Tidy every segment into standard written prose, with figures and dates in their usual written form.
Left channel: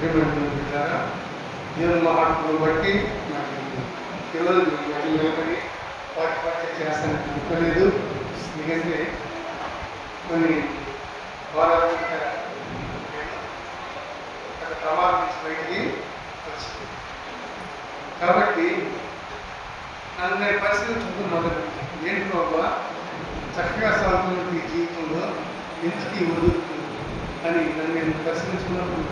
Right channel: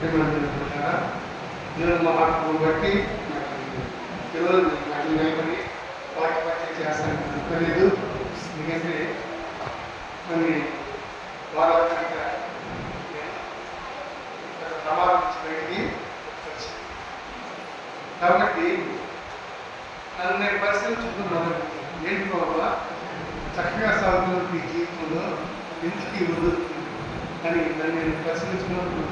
దేవుని మహాత్మును బట్టి నాకు ఈరోజు నాకు నిలబడి వాటి పరిచయం చేస్తానికి అనుకోలేదు. ఎందుకంటే కొన్ని వారాల క్రితం నేను ఒక ప్రమాదం నుంచి బయటికి వచ్చాను. కాబట్టి నన్ను నేను పరిశీలించుకుంటూ మొదలుపెట్టాను. ఏంటి బాబా చక్కగా సాగుతున్న ఈ జీవితంలో ఎందుకు ఈ వదులుతుంది అని నన్ను నేను పరిశీలించుకున్నప్పుడు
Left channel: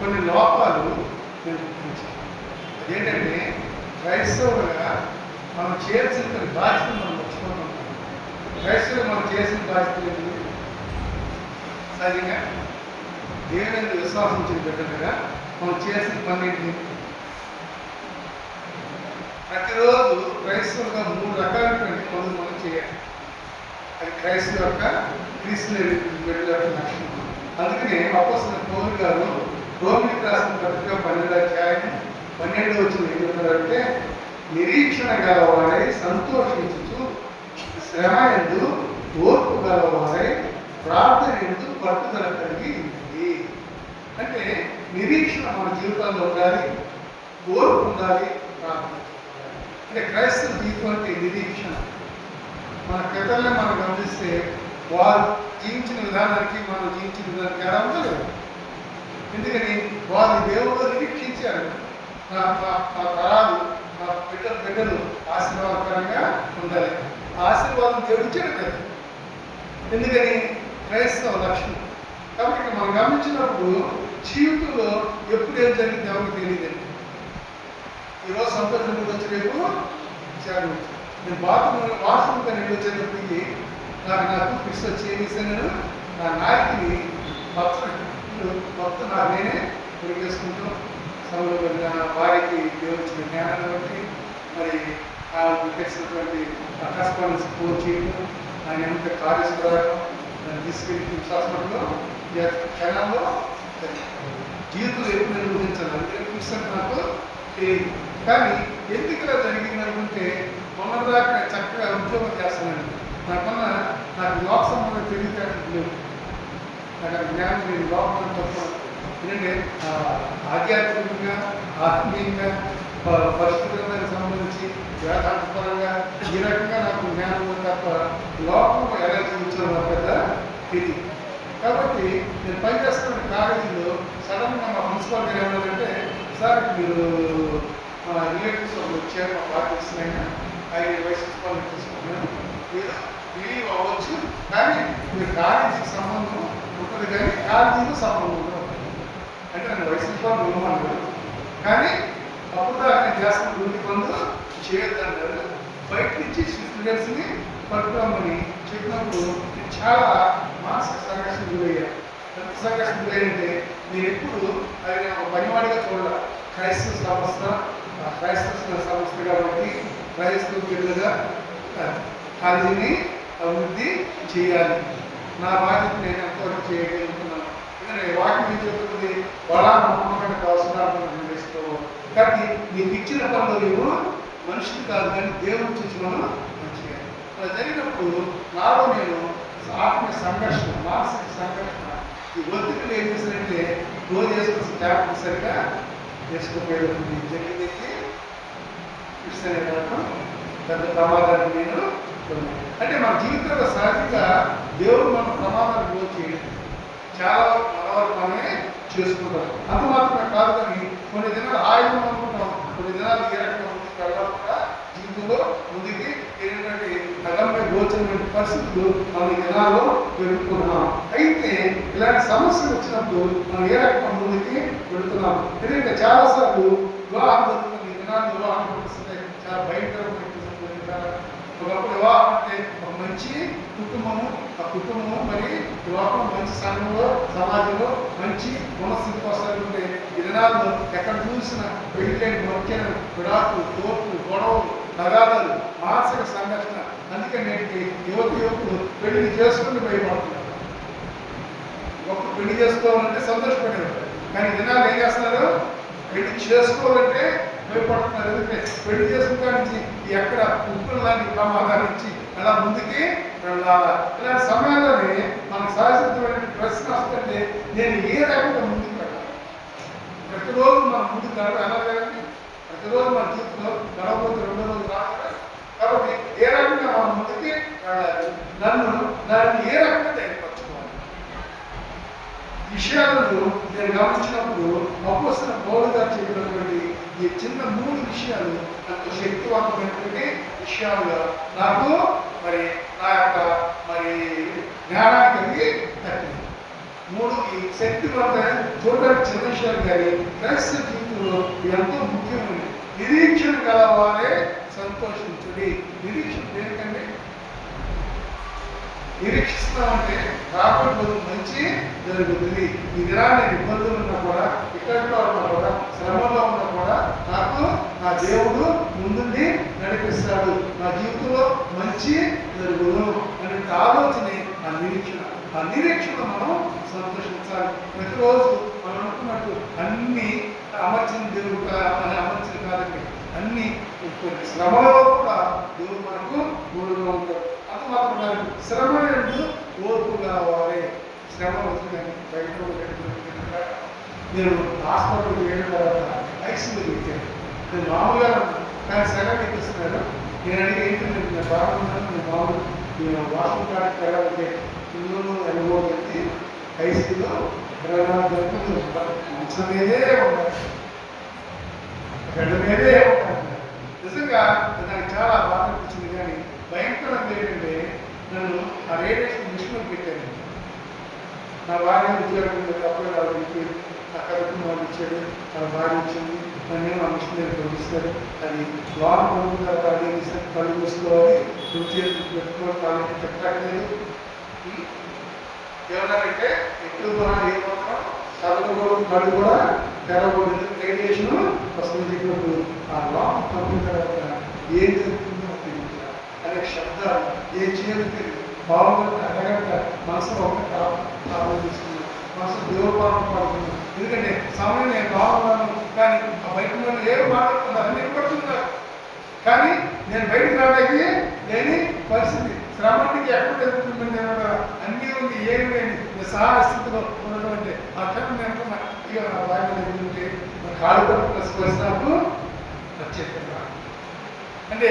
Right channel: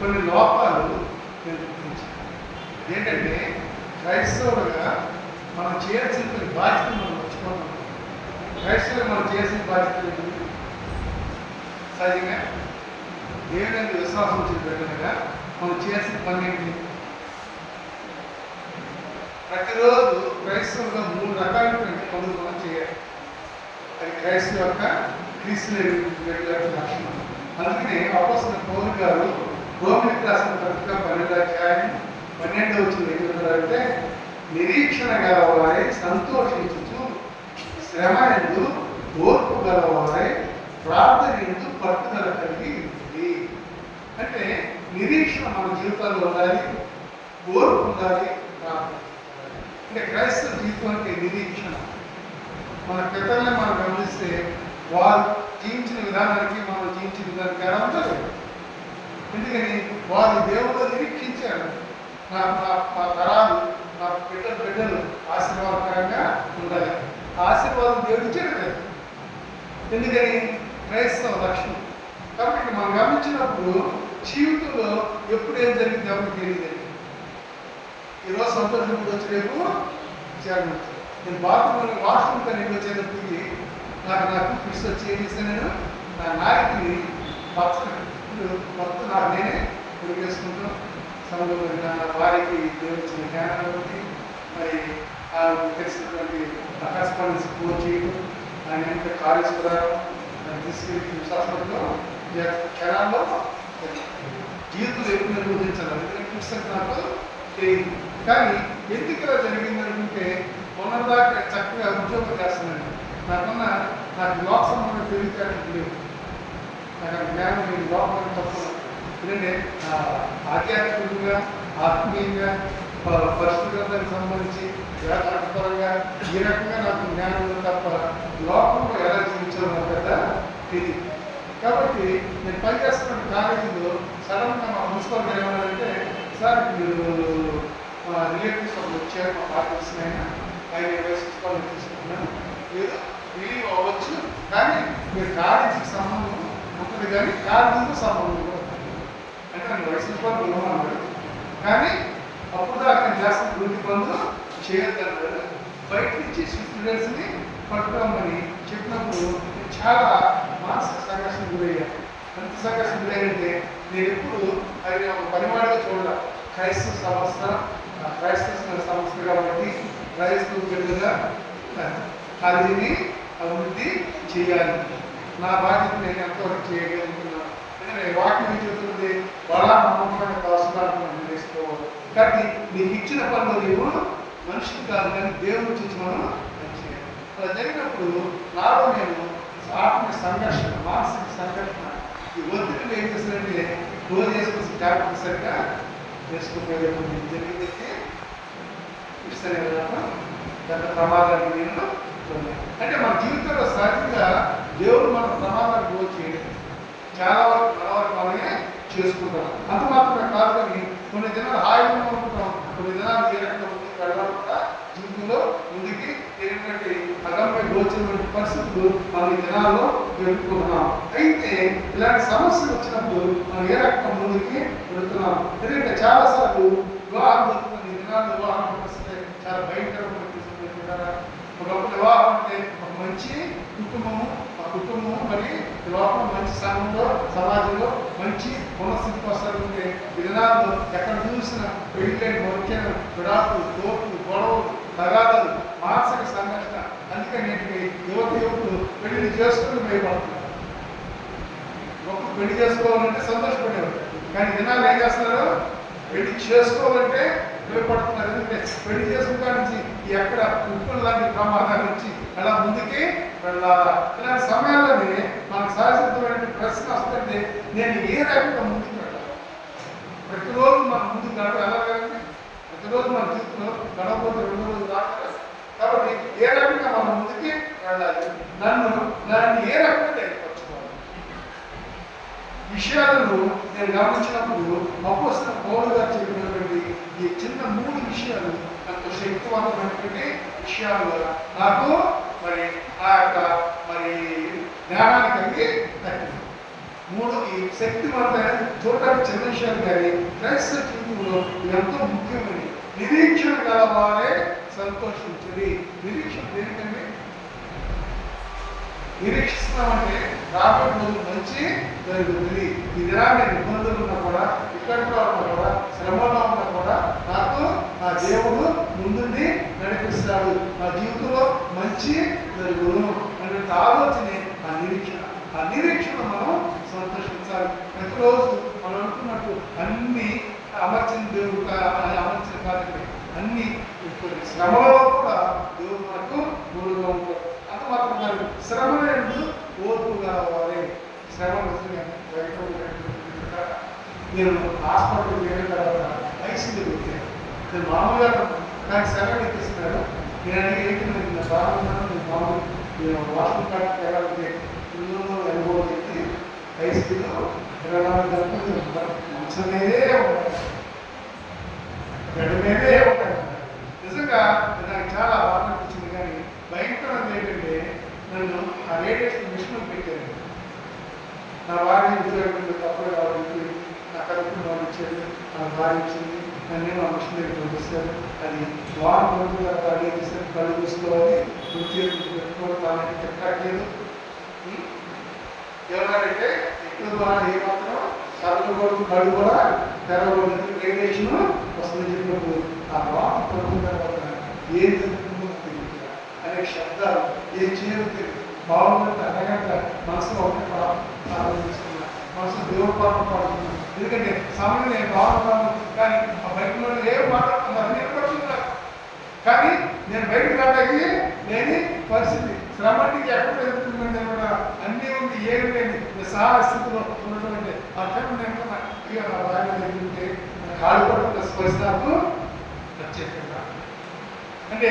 కొన్ని లోపాలు నేను గుర్తించాను. అదేంటంటే క్రైస్తవులుగా మనం చేయాల్సిన కొన్ని బాధ్యతలు మనం మర్చిపోతాం. క్రైస్తవులు మనం చేసిన బాధ్యతలు ఏంటి? సహజంగా దేవుని విశ్వాసం వచ్చిన బిడ్డలుగా మనం చేసిన పని ఏంటి? ప్రతిరోజు క్రైస్తవులుగా 3 రకాలైనటువంటి పనులు మనం చేయాలి. అది క్రైస్తవ యొక్క క్రీస్తు లక్షణం. అందుకనే అపోస్తలుడైన పౌలు గారు రోమిలికి రాసిన పత్రిక 12వ అధ్యాయం 12వ వచనం ఏం చెప్తారంటే, నిరీక్షణ గలవారై సంతోషించుచు శ్రమ యందు ఓర్పు గలవారై ప్రార్థన యందు పట్టుదల కలిగి ఉంది. అంటే నిరీక్షణ మన జీవితాల్లో ఉండాలి, ఓర్పు ఉండాలి, ప్రార్థన ఉండాలి. అంటే క్రైస్తవ జీవితం అంటే నిరీక్షణ. మన పెద్దల్ని మనం గమనిస్తే వారు జీవించిన విధానానికి మనం జీవించిన విధానానికి ఎలా ఉండలేదు. ఎందుకని వారు దేవుడు నిరీక్షించారు. నా తరాలు నా బిడ్డలు ఆశీర్వాదకరంగా ఉండాలి. ఆశీర్వాదం దేవుడు ఇచ్చాడు కదా. ఎందుకని క్రైస్తవ లక్షణం. కాబట్టి మనం గమనించినప్పుడు జీవితంలో ఎప్పుడు ఏం జరిగింది ఎవరికి తెలియదండి. ఈరోజు సంతోషం కూడా వచ్చి రేపు విచారం. నేను బాత్రూంలో వాష్రూమ్తో నేను వచ్చేటప్పటికి నాకు ఫిక్స్ వచ్చి ఏం చేశాను, నేను నా నాయకుని మొత్తం నాకు నేనే పొడి చేసుకుంటాం. సమయంలో వారికి దేవుడు ఇచ్చిన జ్ఞానాన్ని బట్టి మరి తెలిసినటువంటి కరస్పాండెన్స్ ఫోన్ చేయడం, ఆయన ఎంత కాలేజ్ కూడా దాన్ని తీసుకెళ్ళి హాస్పిటల్లో క్షణాల్లో జీవితంలో ఎప్పుడు నేను ఊహించాను. అందుకని ఫిక్స్ అంటే నాకు తెలియదు. కానీ ఎందుకు ఇలా జరిగింది అనుకుంటే మొన్నదాకా చక్కగా ఉద్యోగం చేస్తున్నాను. నాకు లోక సంబంధం తెలియదు లేవు. నాకు ఆ జ్ఞానం నేను లోపల తప్ప. ఎందుకంటే ఆధ్యాత్మికంగా ఆత్మీయంగా పరిస్థితులకు సంబంధించి వేదాంతపరంగా ఈ రకంగా నాకు జ్ఞానం తప్ప లోకంలో ఎలా జీవించాలో నాకు పెద్ద తెలియదు. కాబట్టి నేను పనిచేస్తున్న కాలేజీలో సడన్గా మా ప్రిన్సిపాల్ గారు ఏమన్నారంటే, సార్ మీరు మా రిలేటివ్స్ వాళ్ళు వచ్చారు, మా పార్టీస్ అయినా ఆయన వైస్ ప్రిన్సిపాల్ తీసుకుంటున్నాను, మీరు రిలీవ్ అవ్వచ్చు, కానీ మీరు కాలేజీకి సంబంధం ఉంటుంది కానీ కాలేజీతో సంబంధం అంటే నన్ను వైస్ ప్రిన్సిపాల్ ఉండమన్నాడు. కానీ అప్పుడు దాకా నేను చేస్తున్న వృత్తి పనులు చేయొద్దన్నారు. బయట నుంచి స్టూడెంట్స్ని పట్టుకోమని చెప్పినప్పుడు నేను చాలా మానసిక సంఘర్షణ గురయ్యాను. ఎంత సంఘర్షణ గురయ్యంటే నేను ఎప్పుడు అది ఒక పనివాడిగా చూడాలి. క్రైస్తవ సంస్థ కాబట్టి క్రైస్తవ బిడ్డగా కాలేజీని అభివృద్ధి చేయాలి. నా బాధ్యత నేను ఎంతవరకు చేయగలుగుతున్నాను. ఎందుకంటే వాటిని చెబుతుంది బలా నమ్మకమైన అవసరాలను నేర్చుకోవాలి. కాబట్టి నీకు ఇచ్చిన పనులు నువ్వు మనిషిని కాదు కానీ దేవుని చూసి మనం చేయాలి. అలా జరిగినప్పుడు నాలో నేను ఆత్మీయ సంఘర్షణ, మానసిక సంఘర్షణ, ఈ ఒత్తిడిని ఏం చేస్తానంటే రోజు చేసుకొచ్చి ట్యాబ్లెట్ సరిగ్గా చేసుకోపోయేటప్పుడు జరిగిందైతే ఇస్తానే వెళ్ళటం పెద్ద ప్రమాదానికి నేను అంటే మన జీవితంలో సహజంగా దేవుడు మన ప్రమాదానికి వచ్చి చాలా వరకు మన వరకు మనమే చేసుకుంటాం. అంత మాత్రమే కాదు కానీ కొన్ని దినాలు హాయిగా అనుకుంటాం, కొన్ని దినాలు ఏ రకంగా ముందుకు వెళ్ళాలి కూడా జీవితంలో ముందుకి ఏంటంటే అగమ్య గోచరమైన పరిస్థితులు మనం ఈ దినాల్లో ఎదుర్కొంటున్నాం. అయితే ఇలాంటి సమస్యలు వచ్చినప్పుడు మనం ఏ రకంగా ముందుకి వెళుతున్నాం. ఎందుకంటే చాలాసార్లు వివాహం జరుగుతుంది. ఈ దినాల్లో వివాహం వస్తే చాలా భయంకరమైన ఒకప్పుడు వివాహం అంటే ఒక మంచి కుటుంబము, ఆ కుటుంబం మరి వివాహం మంచి సంఘంలో సమాజంలో మంచి పునఃస్థితికి వస్తారంటే ఈ దినాల్లో ఎక్కడ చూసిన పెళ్ళైన మొరికైన విడాకులు, తోపులు, గొడవలు, తగాదాలు, మానసిక సంఘర్షణ. అందుకని నేటికి యువకులు పెళ్లి చేసుకుని భయపడుతున్నారు. ఒకరు పెళ్లి చేసుకోవాలంటే సంతోషపడేవారు, కానీ దినాలు ఏం చేస్తున్నారు, పెళ్లి చేసుకోవాలంటే భయపడుతున్నారు. ఎందుకంటే పెళ్లి చేసుకున్న నుంచి ఎక్కడ ఉప్పులు లాంటి ప్రమాదాల నుంచి అలా ముందుకి వెళ్ళాలా. ఇలాంటి సమయాల్లోనే మనకు సహజమైన ప్రశ్న వస్తుంటే నేను ఏ రకంగా ముందుకు వెళ్ళాలి. ప్రతిరోజు మన ముందుకు వెళ్ళాలి కదండి. ప్రతిరోజు మన జీవితంలో గడవబోతే 2 రోజులు రాదు కదా. కాబట్టి ఏ రకంగా మనం ముందుకి వెళ్ళాలి, నన్ను ఏ రకంగా ఏర్పరచుకోవాలి, విషయాలను నేను గమనించినప్పుడు అపోస్తలుడైన పౌలు గారు చెప్పినటువంటి ఈ చిన్న 3 విషయాలు నాకు శక్తివంతమైనటువంటి విషయాలుగా నాకు మరి ఆ యొక్క మరి జ్ఞానాన్ని కలిగి తగ్గింది. 3 ఈ శక్తివంతమైన చూడడానికి చిన్న విషయాలు కానీ క్రైస్తవ జీవితంలో ఎంతో ముఖ్యమైనది. నిరీక్షణ గలవారే సంతోషించుడి. నిరీక్షణ దేనికండి? నిరీక్షిస్తున్నామంటే రాబోయే రోజు మంచి జరుగుతుంది. ఈ దినాన్ని ఇబ్బందులు ఉన్నా కూడా, ఇక్కడిలో ఉన్నా కూడా, శ్రమలో ఉన్నా కూడా నాకు నా దేవుడు ముందుండి నడిపిస్తాడు, నా జీవితంలో మంచి జరుగును అనే ఆలోచనే ఆ నిరీక్షణ. ఆ నిరీక్షణ మనం సంతోషించాలి. ప్రతిరోజు మనం అనుకున్నట్టు అన్ని అమర్చిన దేవుడు అమర్చిన కాదండి. అన్ని శ్రమలో కూడా దేవుడు మనకు తోడుగా ఉంటాడు. అంత మాత్రం కాదు, శ్రమ నుండి ఓర్పు కావాలి. శ్రమ వచ్చిందని బయట నేను హాస్పిటల్కి వెళ్ళిన తర్వాత ఐసీలో పెట్టాను. నేను మామూలుగా ఉన్నాను, కానీ సగం ఎక్కిస్తున్నాడు. నేను అడిగి ఏంటి నేను బాగున్నాను, నేను మామూలు నేను వాష్రూమ్ కాడికి వెళ్ళాలంటే ఇల్లు అనుభవం పెట్టి ఐసీలో 24 గంటలు మంచం మీదే ఉంటాను, గడ్డ మీదే ఉంటాను. నిజంగా నాకు చాలా బాధ అనిపించింది. కానీ భయంకరంగా ఏంటంటే నన్ను ఆ రేడియేషన్ మిషన్ పెట్టాను. నా భార్య ఉద్యోగం తప్పగా రావాలి, నా కడుపు వాళ్ళు ఇచ్చాడు, నా భార్య ఇచ్చింది, నన్ను ఆ మిషన్ దగ్గర పంపిస్తారు. అది లోన్ పంపిన తర్వాత అడిగి ఇస్తారు, కళ్ళు చూసుకోవాలి, వృత్తి పెట్టుకోవాలి, వాళ్ళకి చెప్పట్లేదు. ఏమన్నారంటే ఎక్కువ ద్వారా ఏ మాత్రం కళ్ళు కూడా తెరవకూడదు, రేడియేషన్ వస్తుంది చెప్పినప్పుడు ఆ లోన్ పంపిన తర్వాత ఏం జరుగుతుందో తెలియదు. అనేక శబ్దాలు ఏం చేయాలో తెలియదు. బాగుందంటే అరగంట మనసులో ఒకటి ప్రార్థన చేసుకున్నా, మనసులో దేవుడు పాలన పాడుతున్నాను. ఎందుకంటే సమయం నేను బాగున్నాను, కానీ ఆ బయట వాళ్ళు ఏం మాట్లాడుతున్నారు నిలబడుతున్నారు. కానీ నేను బయటకు రావడానికి లేని పరిస్థితి. శ్రమానికి ఎక్కడ ఎదుర్కొంటుంది అనమాట. అన్నీ ఉంది, ఏమి లేని నిస్సహాయ స్థితిలో ఉన్నటువంటి ఆ టైం నేను అయ్యో నా భార్య దగ్గరుంటే కాళ్ళు పట్టుకున్న స్పర్శ నాకు ప్రత్యేకంగా అంటే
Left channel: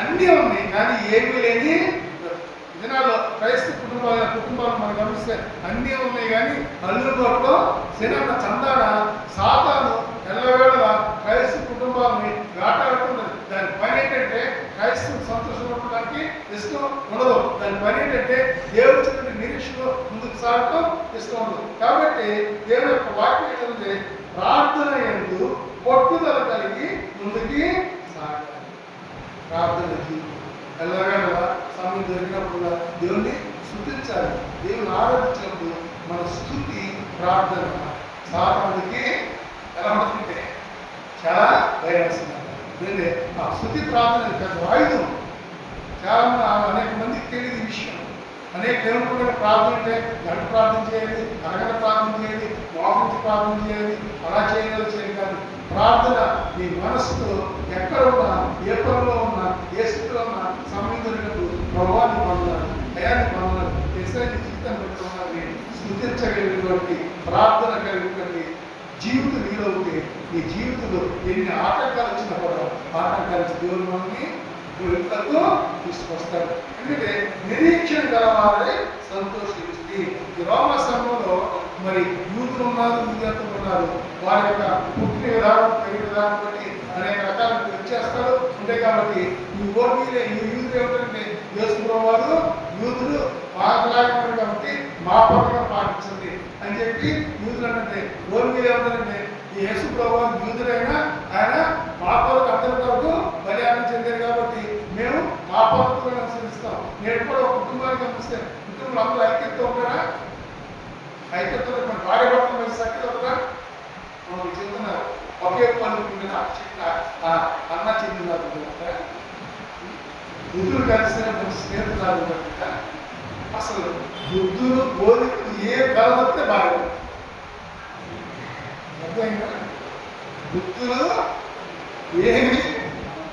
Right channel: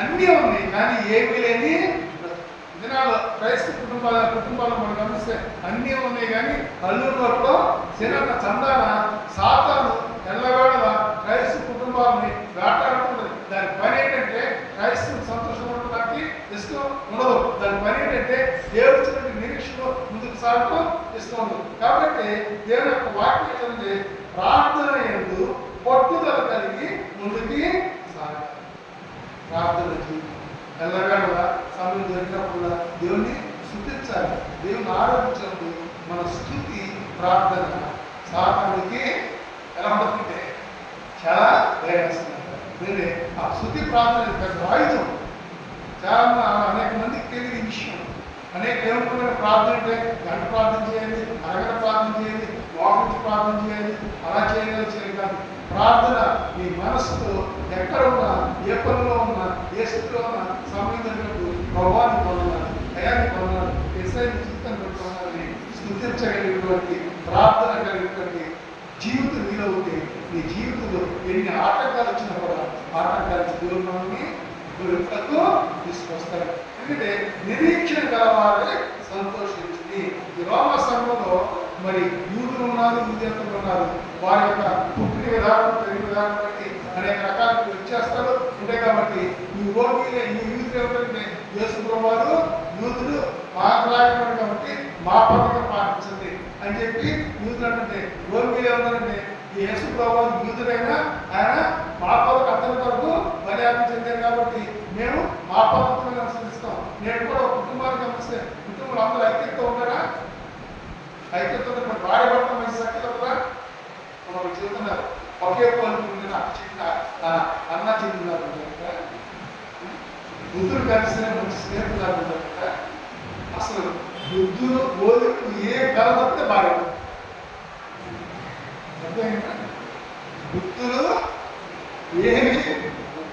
అన్నీ ఉన్నాయి, కానీ ఏమీ లేని దినాల్లో క్రైస్తవ కుటుంబాలు మనం గమనిస్తే అన్నీ ఉన్నాయి, కానీ అల్లుబాటులో సినిమా చందాన సాతాను ఎల్లవేళ క్రైస్తవ కుటుంబాలని వేటాడుతున్నది. దాని పని ఏంటంటే క్రైస్తవ సంతోషం ఉండడానికి ఇష్టం ఉండదు. దాని పని ఏంటంటే దేవుడి చిన్న నిరీక్షలో ముందుకు సాగుతూ ఇష్టం ఉండదు. కాబట్టి దేవుని యొక్క వాక్యం ఏంటంటే ప్రార్థన ఎందు పట్టుదల కలిగి ముందుకి సాగాలి. ప్రార్థనకి ఎల్లవేళ సమయం జరిగినప్పుడు దేవుని స్తుతించాలి. దేవుని ఆరాధించినప్పుడు మన స్తుతి ప్రార్థన సాతానుడికి ఎలా ఉంటుందంటే చాలా భయం వస్తుంది. ఎందుకంటే ఆ స్తుతి ప్రార్థన పెద్ద ఆయుధం. చాలా అనేక మందికి తెలియదు ఈ విషయం. అనేక దేవుని ప్రార్థన అంటే గంట ప్రార్థన చేయాలి, అరగంట ప్రార్థన చేయాలి, మోకరించి ప్రార్థన చేయాలి, అలా చేయాలి కాదు. ప్రార్థన నీ మనసుతో ఎక్కడ ఉన్నా, ఏ పనిలో ఉన్నా, ఏ స్థితిలో ఉన్నా సమయం దొరికినప్పుడు ప్రభావాన్ని పొందాలి, దయాన్ని పొందాలి, ఎస్ఐని జీవితం బట్టి ఉన్నది స్థుతించగలిగినటువంటి ప్రార్థన కలిగినటువంటి జీవితం నీలో ఉంటే నీ జీవితంలో ఎన్ని ఆటంకాలు వచ్చినా కూడా ఆటంకాలు దేవుని ఎప్పుడూ తీసుకొస్తాడు. ఎందుకంటే నిరీక్షణ గలవారే సంతోషిస్తుంది. ఈ రోమా సంఘంలో మరి యూదులు ఉన్నారు, యూదేతరులు ఉన్నారు. వారి యొక్క పుట్టిన విధానం, పెరిగిన విధానం బట్టి అనేక రకాల వ్యత్యాసాలు ఉంటాయి. కాబట్టి ఈ ఓటీలే ఈ యూదులు ఏమిటంటే యేసు ప్రభువారు యూదులు మాట్లాడినారు కాబట్టి మా పథకం పాటించండి అని చెప్పి యూదులు అంటే రోమిలు ఏమంటారంటే ఈ యేసు ప్రభువారు యూదులైనా ఆయన మా పథకం అతని కొరకు మర్యాద చెందారు కాబట్టి మేము మా పద్ధతులను అనుసరిస్తాం. నేను కూడా ఒక కుటుంబానికి గమనిస్తే కుటుంబంలో అందరూ ఐక్యత ఉంటారా? ఐక్యత మన భార్య భర్త మంచి సఖ్యత ఉందా? మనం చెబుతున్నారు ఒకే పలుకుంటున్న అన్న చెందినారు బుద్ధుడు కలిసిన మంచి స్నేహితులు ఉంటారట. అసలు బుద్ధుడు బోధకుడు ఏ కలవస్తే భార్య అర్థమైందా? బుద్ధుడు ఏమి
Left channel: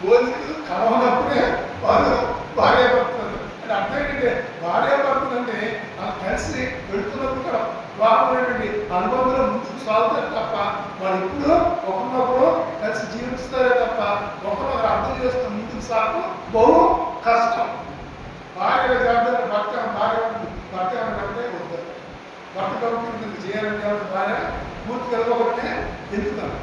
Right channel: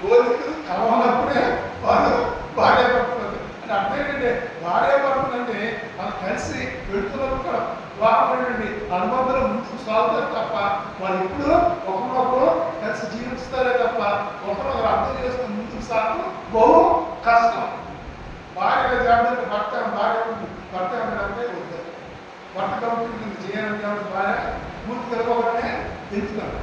బోధకుడు కలవనప్పుడే వారు భార్య భర్తలు అంటే అర్థం ఏంటంటే భార్య భర్తలు అంటే వాళ్ళు కలిసి వెళ్తున్నప్పుడు వివాహమైనటువంటి అనుబంధంలో ముందుకు సాగుతారు తప్ప వాళ్ళు ఇప్పుడు ఒకరినొకరు కలిసి జీవిస్తారే తప్ప ఒకరినొకరు అర్థం చేసుకుని ముందుకు సాగు బహు కష్టం. భార్య జాగ్రత్త భర్త అంటే వద్దారు. భర్త కలుగుతుంది చేయాలంటే భార్య పూర్తి కలగకనే ఎందుకున్నాను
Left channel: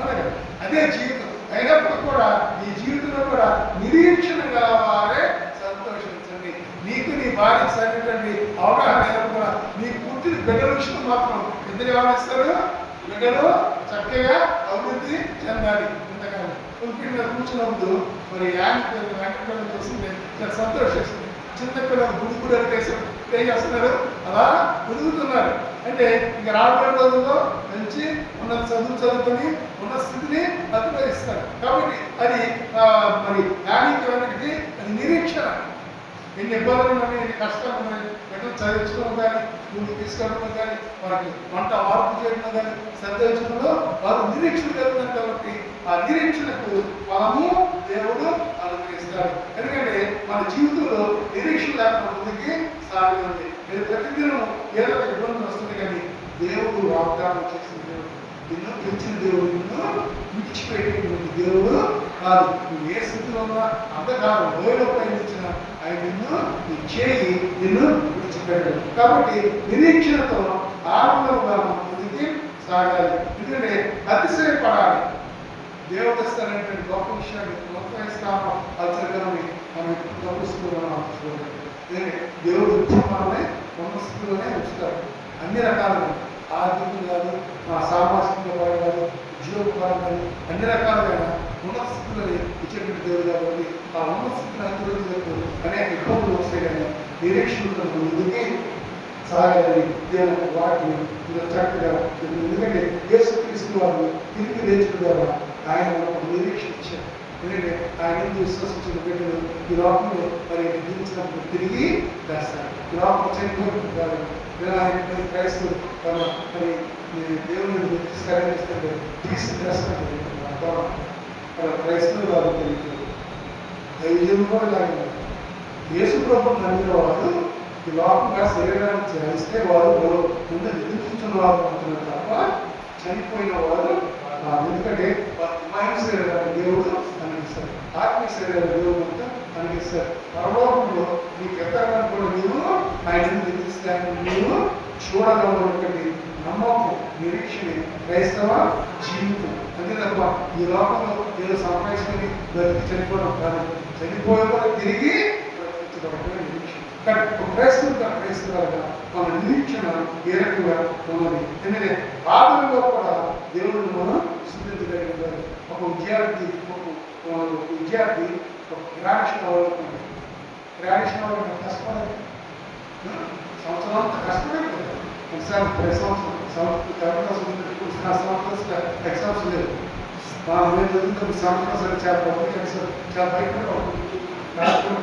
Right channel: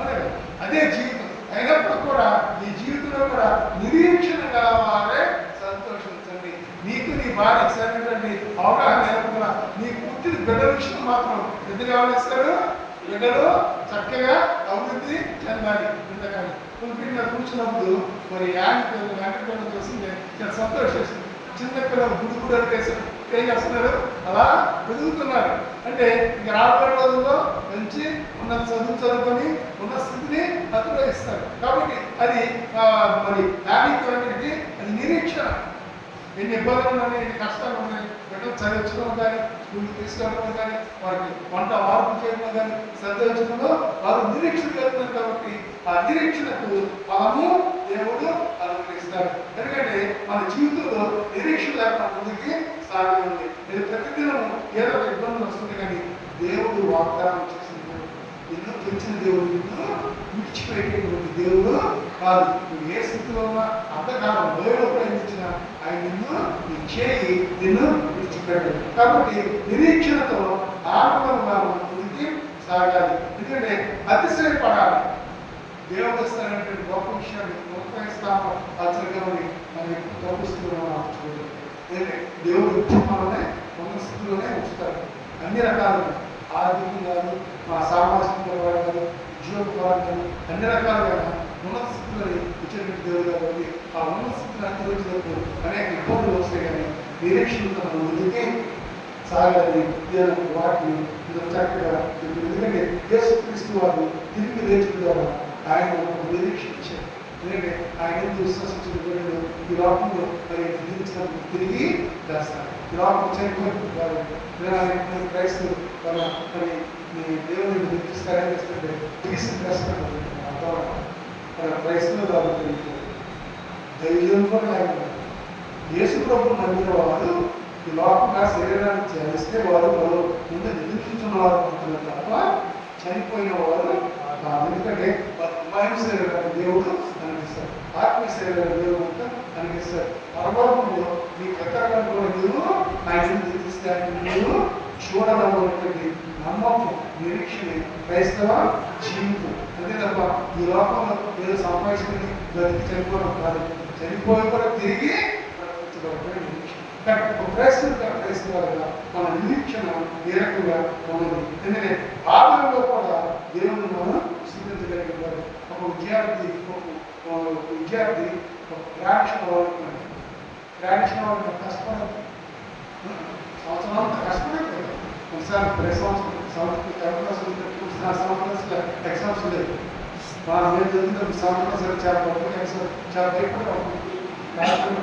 అలాగే అదే జీవితం అయినప్పుడు కూడా ఈ జీవితంలో కూడా నిరీక్షణ కావాలే సంతోషించండి. నీకు నీ భార్యకి సరైనటువంటి అవగాహన లేకుండా నీకు పుట్టిన బిడ్డల విషయం మాత్రం ఇద్దరు ఏమనిస్తారు, బిడ్డలు చక్కగా అభివృద్ధి చెందాలి. ఇంతకాలం పులిపిడి మీద కూర్చున్నప్పుడు మరి యాంటీ చూస్తుంది చాలా సంతోషిస్తుంది. చిన్న పిల్లలు గుడి అనిపేసారు ఏం చేస్తున్నారు, అలా ఎదుగుతున్నారు. అంటే ఇంకా రాబోయే రోజుల్లో మంచి ఉన్నత చదువుకొని ఉన్న స్థితిని అభివృద్ధిస్తారు. కాబట్టి అది మరి దానికి అది నిరీక్షణ. ఎన్ని ఇబ్బందులు ఉన్నాయి, ఎన్ని కష్టాలు ఉన్నాయి, బిడ్డలు చదివించడం కానీ స్కూల్కి తీసుకెళ్ళడం కానీ వారికి వంట మార్పు చేయడం కానీ శ్రద్ధ ఇచ్చడంలో వారు నిరీక్షణ కలుగుతారు. కాబట్టి ఆ నిరీక్షణకు ఫలము దేవుడు అనుగ్రహిస్తాడు. ఎందుకంటే మన జీవితంలో నిరీక్షణ లేకుండా ముందుకి సాగండి. నేను ప్రతిదినం ఏదో ఒక ఇబ్బందులు వస్తుంది, కానీ దేవుడు వాగ్దానం చేసిన దేవుడు, నిన్ను గెలిచిన దేవుడు, నిన్ను విడిచిపెట్టేటువంటి దేవుడు కాదు. నువ్వు ఏ స్థితిలో ఉన్నా అంతకాలం లోయలో ప్రయత్నించిన ఆయన నిన్ను నీ చేయి నిన్ను విడిచిపెట్టాడు. కాబట్టి నిరీక్షణతో ఆనందంగా ముందుకి సాగాలి. ఎందుకంటే అతిశయపడాలి. దేవదస్తానంటే గొప్ప విషయాన్ని ప్రోత్సహిస్తాము. అలసరిగా మనం గొప్పస్తున్నాం చూడండి. ఎందుకంటే దేవుడు మనల్ని ఉన్న స్థితిలోనే ఉంచుతాడు. అన్ని రకాలుగా ఆర్థికంగా కాదు, సామాజిక పరంగా కాదు, ఉద్యోగ పరంగా కానీ అన్ని రకాలుగా ఉన్నత స్థితిలోనే ఇచ్చేటువంటి దేవుడు. కాబట్టి ఆ ఉన్నత స్థితిని అనుసరించినప్పుడు అనేక ఇబ్బందులు వస్తాయి, కానీ నిరీక్షణతో మనం ముందుకే సాగాలని దేవుని వాటిని చక్కగా. ఎందుకంటే యేసుక్రీస్తు వారు తిరిగి లేచిన ద్వారా ఆయన ఒక నిరీక్షణ ఇచ్చారు. ఎందుకంటే ఆయన విశ్వసించిన బిడ్డలు ఈ లోకంలో మరి జీవించినప్పుడు తిరిగి చేస్తారు. ఈ లోకం చనిపోయినప్పుడు ఆయన క్రైస్తవులు తన మరి దేవుని నిర్దిష్టంటే తీసి చేస్తారు. క్రైస్తవులు కాబట్టి ధైర్యం కూడా లేకుండా యేసు ప్రభు నమ్మిన వారు ఈ లోకంగా శరీరాన్ని ధ్యానిస్తే వారు ముందు నిద్రించుకున్న వారు అంటున్నారు తప్ప చనిపోయిన వారు. ఎందుకంటే మహిమ శరీరాన్ని దేవుడు అనిపిస్తారు, ఆత్మీయ శరీరాన్ని దేవుడు అంతా అనిపిస్తారు. పరలోకంలో నీకు ఎక్కడానికి కూడా నీవు ఆయన నిద్రిస్తే నీవు చూడగలటువంటి నమ్మకం, నిరీక్షణ క్రైస్తవ జీవితం. అంతే తప్ప ఈ లోకంలో ఏదో సంపాదించుకొని బతికి చనిపోవడం కాదు. చనిపోయే కూడా తిరిగి ప్రకటించబడటమే నిరీక్షణ. కానీ క్రైస్తవులుగా మన నిరీక్షణ ఏ రకంగా ఉన్నది. ఎందుకంటే ఆదరణలో కూడా దేవుడిని మనం స్థుతించగలిగి ఉండాలి. ఒక విద్యార్థి ఒక గ్రాడ్యుయేషన్ అవ్వాలనుకోండి. గ్రాడ్యుయేషన్ అవ్వాలి కష్టపడాలి, సంవత్సరం అంతా కష్టపడలేదు. ఒకసారి ప్రతి సంవత్సరం ఎగ్జామ్స్ లేదు. మేము చదువుతున్న సంవత్సరం చాలా పబ్లిక్ ఎగ్జామ్ చాలా భయపడేవాడు.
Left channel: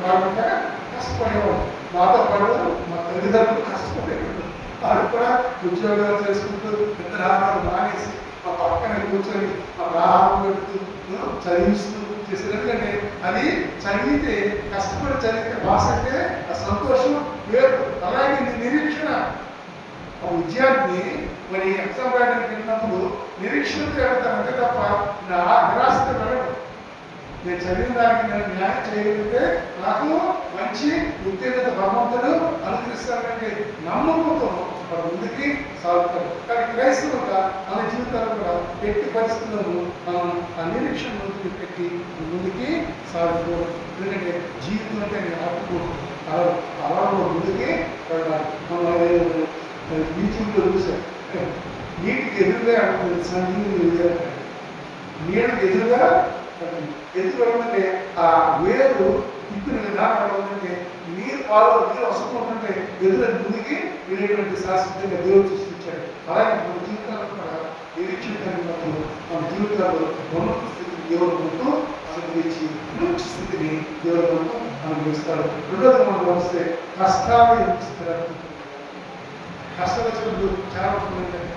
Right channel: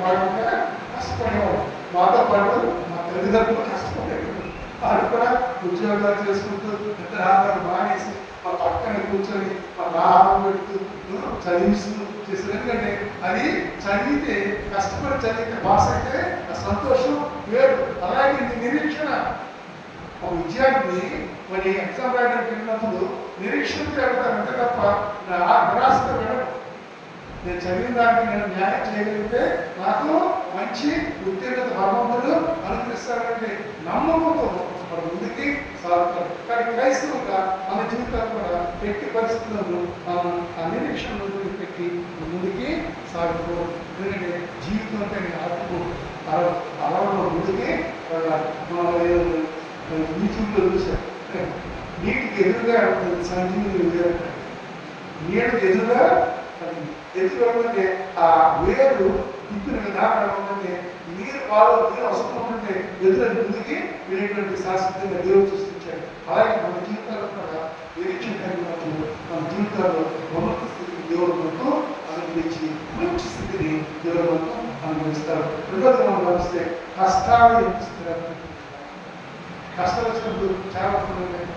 వాడుంటే కష్టపడేవాడు. మాతో పాటు మా తల్లిదండ్రులు కష్టపడేవాడు. వాళ్ళు కూడా ఉద్యోగాలు చేసుకుంటూ ఇద్దరు ఆహారాలు మానేసి మా పక్కన కూర్చొని మాకు ఆహారం పెడుతూ చదివిస్తూ చేస్తారు. ఎందుకంటే అది చదివితే కష్టపడి చదివితే భాష అయితే ఆ సంతోషం వేరు. అలాగే నిరీక్షణ. ఒక విద్యార్థి మరి ఎగ్జామ్ రాయడానికి వెళ్ళినప్పుడు నిరీక్షణతో వెళ్తానంటే తప్ప నిరాశతో వెళ్ళడం. నేను చదివిన దానికి నేను న్యాయం చేయగలిగితే నాకు మంచి ఉత్తీర్ణత భగవంతుడు అనుగ్రహిస్తానంటే నమ్మకంతో వాడు ముందుకి సాగుతారు. కానీ క్రైస్తవులుగా మన జీవితాలు కూడా ఎట్టి పరిస్థితులను ఆ నిరీక్షణ పెట్టి ముందుకి సాగుకోవడం. ఎందుకంటే జీవితం అంటే నేను ఆడుకోవడం అలా ముందుకే వెళ్ళాలి. మనం యూట్యూబ్లో చూసాం, నీటికి ఎదురుగా సంజీవిని నీటికి ఎదురుగా ఎదురుంటే ఆ వేరు తిప్పిన విధానం ఉందంటే నీరు నీరు వస్తుంటే ఎదురు ముందుకి వెళ్ళేటువంటి శాశ్వతంగా దేవుడు సృష్టించాడు. అలాగే మన జీవితాల్లో కూడా నిరీక్షణ కలిగినప్పుడు మన జీవితాల్లో ఉన్నత స్థితిని దేవుడు మనకు అనుగ్రహించి మంచి స్థితిని దేవుడు మనకు అనుగ్రహిస్తాడు. రెండోది మనం గమనిస్తే కష్టాలు ఎన్నిస్తారు. కష్టాలు వచ్చినప్పుడు చాలా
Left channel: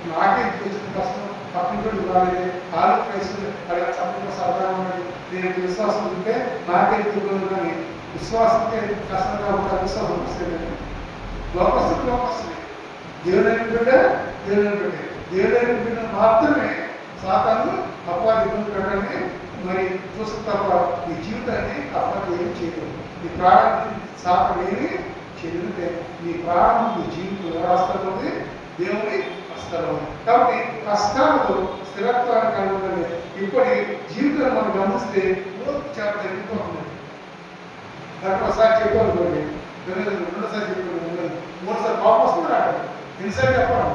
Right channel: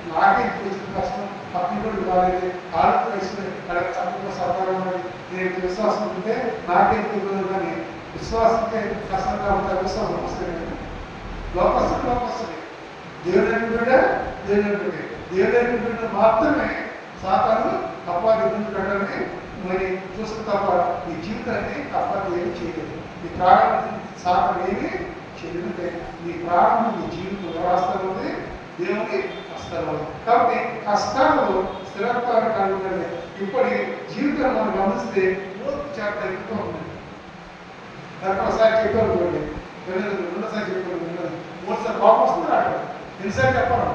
నాకే తెలిసిన కష్టం పక్కనోడు వాడైతే ఆలోచన అలాగే చక్కగా సరదాగా ఉన్నది. నేను విశ్వాసం ఉంటే నాకే తెలియదు, కానీ విశ్వాసంకే కష్టంగా ఉంటారు. విశ్వాసం వస్తుంది లోపస్తుంది దేవుని బిడ్డ దేవుని బిడ్డ దేవుని బిడ్డ మాత్రమే సాతాను అపవాది ప్రకారమే మరి చూసిన తప్ప ఈ జీవితాన్ని అపవాది ఏమి చేయలేదు. ఈ ప్రాణాన్ని సాతాను ఏమి చేయలేదంటే నీ ప్రాణం నీ జీవితం వ్యవస్థలో ఉంది, దేవుని హస్తాలు ఉంది. కాబట్టి కష్టాలలో స్థిరత్వాన్ని కనుగొనలే. ఇప్పటి జీవితాన్ని మనం గమనిస్తే చాలా తగ్గుతూ ఉంది. దాంట్లో ఒకసారి చెప్పాను, రెండోసారి చెప్పాను, మూడుసారి కోపం వస్తుంది రావడం, ఎన్నిసార్లు చెప్పాను.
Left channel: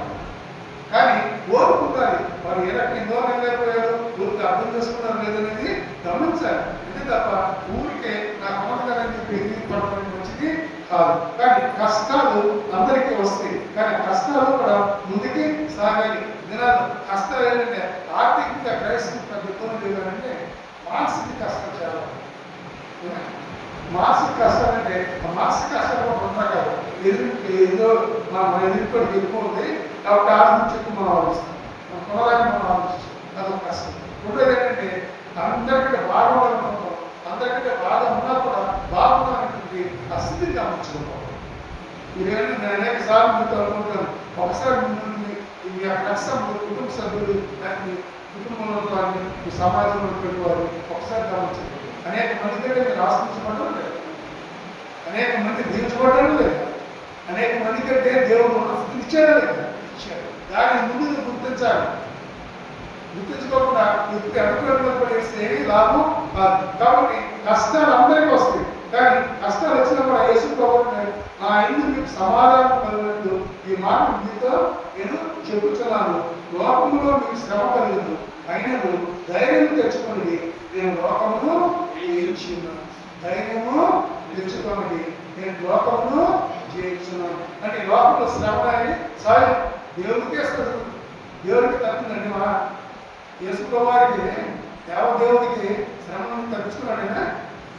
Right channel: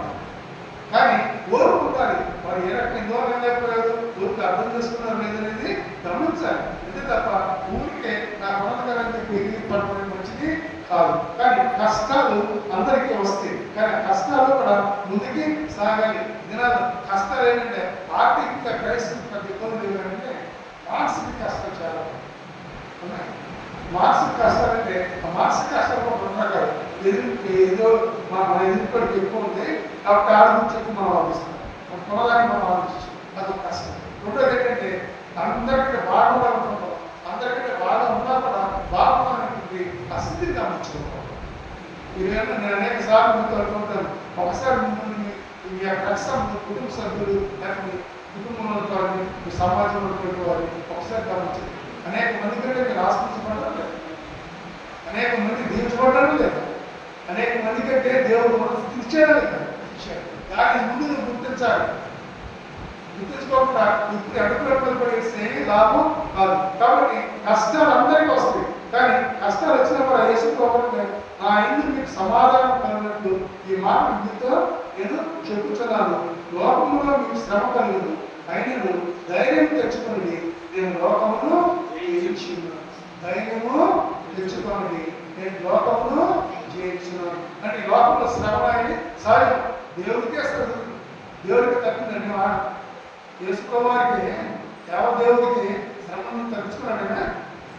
కానీ ఓర్పు ఉండాలి. వారు ఏ రకంగా ఎన్నో లేకపోయారు, ఊరికి అర్థం చేసుకున్నారు లేదనేది గమనించాలి. అంతే తప్ప ఊరికే నా కొనగాలని చెప్పి పడడం మంచిది కాదు. కానీ కష్టాలు అందరికీ వస్తాయి, కానీ కష్టాలు కూడా ముందుకి సాగాలి. దినాలు కష్టాలు ఏంటంటే ఆర్థికంగా క్రైస్తవ పెద్ద ఇబ్బంది లేదంటే మానసిక కష్టాలు చాలా ఉన్నాయి. మానసిక కష్టాలంటే ఆ మానసిక కష్టాలు కూడా ఉండగా ఏదో మన ఎదురుపడికి ఎక్కువ ఉంది కాబట్టి ఆడ నుంచి ఎక్కువ మనం ఆలోచిస్తాం, మన కొనదాన్ని మనం ఆలోచిస్తాం, అదొక కష్టం. రెండోది ఏంటంటే అందరికంటే బాగా అనుకుంటాం, అందరికంటే బాగా ఉన్నా కూడా బాగున్నటువంటి ఆ స్థితిని గమనించుకుంటాం. ఇదేమన్నా నేను అనేక సార్లు మీతో అనుకుంటాను, ఒకసారి మీ యొక్క రక్షణ కుటుంబ సభ్యులు లేకపోతే కుటుంబంలో వారిని సమాజంలో ఉన్నటువంటి వారు ఒకసారి గమనించారు. అనేక మంది కంటే మీరు ఆశ్రయించబడడం లేదు, అనేక మంది దీవించబడడం లేదు, అనేక మంది కంటే దేవుడు ఇచ్చాడు లేదు, ఇచ్చాడు. దాని ముందు గుర్తించాలి. గుర్తించుకోకుండా ఇప్పుడు ఎదురు వేస్తే లాభం కాదు. కాబట్టి కష్టాలు అందరికీ వస్తాయి, కానీ కష్టాలు వచ్చినప్పుడు యేసు ప్రభువుని నా ఇందు మీకు సమాధానం కలిగినట్టు ఈ మాట మీతో నేను చెప్పుతున్నాను. లోకంలో మీకు శ్రమ కలిగింది, అయినను ధైర్యం తెచ్చుకోండి, నేను లోకమును జయించున్నాను. ధైర్యము తెచ్చుకోండి, నేను లోకమును జయించున్నాను. అంటే లోకంలో శ్రమ అనేది సాయం దేవుడికి వస్తుంది, దేవుడికి తప్పిందండి. మా యేసు కుమారుడికి దేవుడికి శ్రమను తగ్గించుకున్నాడైనా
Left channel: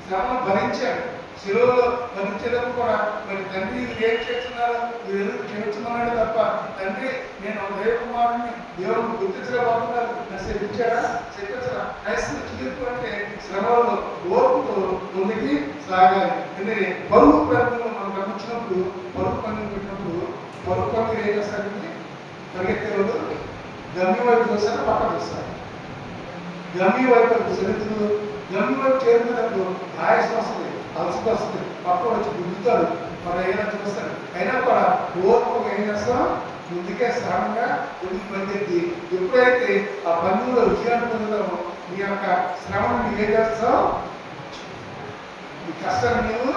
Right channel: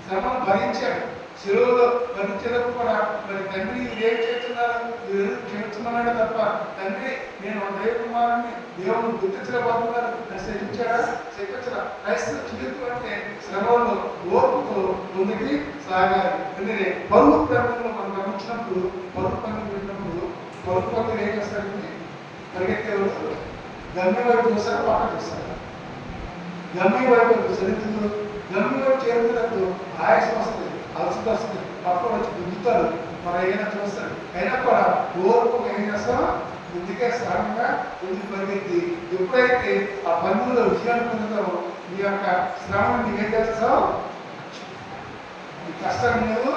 శ్రమను భరించాడు. శిలువలో భరించేటప్పుడు కూడా మరి తండ్రి ఏం చేస్తున్నారు, మీరు క్షమించమన్నాడు తప్ప తండ్రి నేను దైవ కుమారుడిని దేవుడిని గుర్తించలేకపోతున్నారు అని శిక్షించాడా? శిక్షించరా? క్రైస్తవ జీవితం అంటే శ్రమలో ఓర్పుతో ముందుకి సాగాలి. ఎందుకంటే పరుగు ప్రాంతంలో మనం గమనించినప్పుడు పరుగు పనులు పెట్టినప్పుడు పరుగు పనులు ఏం చేస్తారంటే పరిగెత్తేవాళ్ళు గమ్యం వైపు చూస్తారు, పక్క చూస్తారు. గమ్యం వైపు సరిహద్దులు గమ్యం వైపు చేరుకున్నప్పుడు ఆయాసం వస్తుంది, అలసట వస్తుంది, పక్కన వచ్చి దిగుతారు, మనం ఏదైనా చూస్తారు. అయినా కూడా ఓర్పుగా ఏం చేస్తాం, ముందుకే సహనంగా ముందుకు పరిగెత్తి ఎప్పుడైతే ఆ పనుల్లో విజయాన్ని పొందుతామో నీ యొక్క శ్రమను నీవేం చేస్తావు, ఈ కష్టాన్ని నువ్వు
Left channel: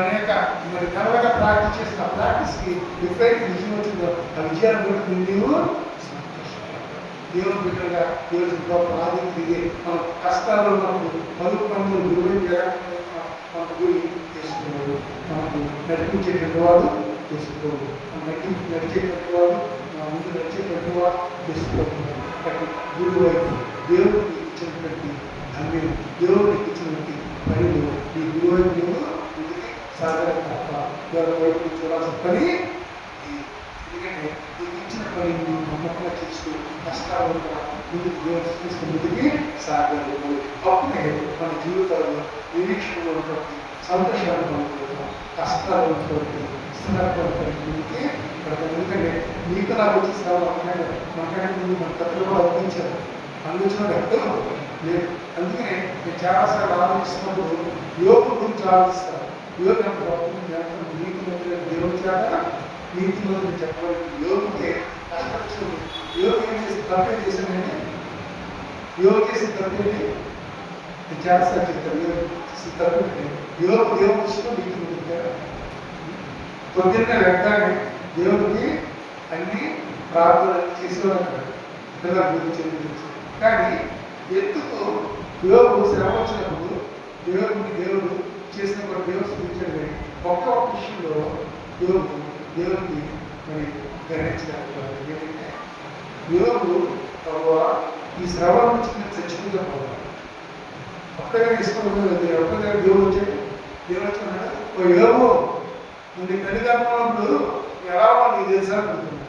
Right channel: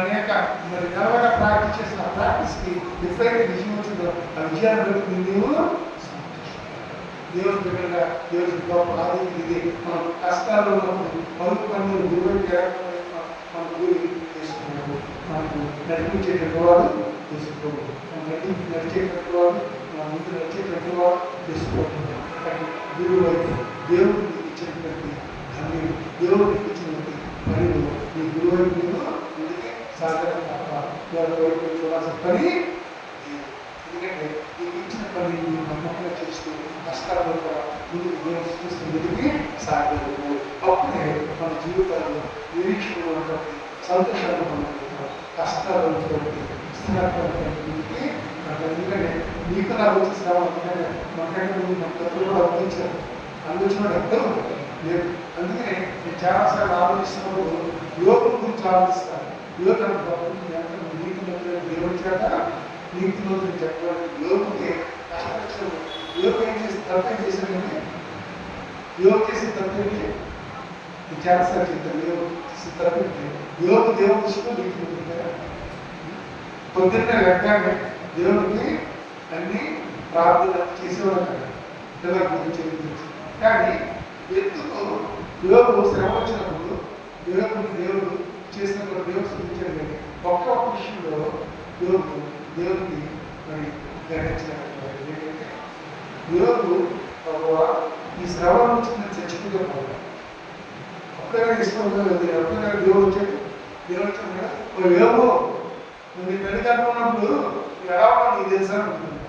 అనేక మరి నెలలుగా ప్రాక్టీస్ చేసిన ఆ ప్రాక్టీస్కి ఎప్పుడైతే విజయం వచ్చిందో ఆ విజయాన్ని బట్టి నీవు దేవుని బిడ్డగా దేవుని గొప్ప ఆదిత్యం ఇదే. మన కష్టాల్లో మనకు పలుకు పనులు గురువు మనకు గురి చేసుకున్నాడు, మనకు నడిపించేటువంటి వాడు చేసుకోడు, మన నడిచేటువంటి వాడు మన ముందు నడిచేటువంటి వాడు చేసుకోవాలి. అటు గురువు వైపు దేవుడికి ఇచ్చినటువంటి గమ్యం, దేవుడికి ఇచ్చినటువంటి పనులు ఈ గురువు వైపు నువ్వు ముందుకే సాగడం తప్ప వారి వైపు చూడాల్సిన పని. ఎందుకంటే నీకు ఇచ్చిన పని నువ్వు నమ్మకంగా చేస్తూ కష్టాలు ముందుకు దేవుడు చూస్తూ ముందుకి సాగలేదు. అప్పుడే మన జీవితాల్లో నిరీక్షణలో ఉన్నటువంటి సంతోషాలు పొందుకుంటాం, కష్టాలు ఉన్నటువంటి స్థిరత్వాన్ని ముందుకి పెడతాం. ఎందుకంటే నీకు నాకు వచ్చి శ్రమ అనుకున్నాడు, మనకంటే ముందు మన పెద్దలు కూడా అందించారు, అందించినాడు ఎక్కడో లేదు. అందుకనే నేను చాలాసార్లు ఆలోచిస్తున్నప్పుడు యోగుల గురించి ఆలోచిస్తాను. యోగ నీతి మంత్రులు దేవుడి చేత నీతి మంత్రులు చెప్పబడి యోగుకే కష్టపడుతుంది. యోగ ఏం చేసి తప్పేం చేశానండి, యోగ చేసిన తప్పేంటి నేను చాలాసార్లు చెప్తాను. యోగ చేసిన తప్పేంటి, యోగ దేవుడి దృష్టిలో నీతి మంత్రులు కదా. పొద్దున్నే లెక్కనే దేవుడికి అన్ని ప్రార్థన చేసేవాడు పిల్లల గురించి. కానీ ఎందుకు యోగు శ్రమ వచ్చినప్పుడు దేవుడు చేసినప్పుడు దేవుడు స్థితించాడు. కానీ ఒక్క విషయంలో దేవుడికి మరి గ్రహించలేకపోవాలి. ఏంటంటే యోగు ఈ శ్రమ నుంచి నేను చచ్చిపోతే పోవాలి, అప్పుడే ఇష్టపడలేదు. అప్పుడే దేవుడు వచ్చాడు, దేవుడు వచ్చాడు ఓ యోగు నువ్వు నీ పెళ్లి కనుకున్నప్పుడు ఎలా ఉన్నా నీకు తెలుసా అనుకుంటున్నాను.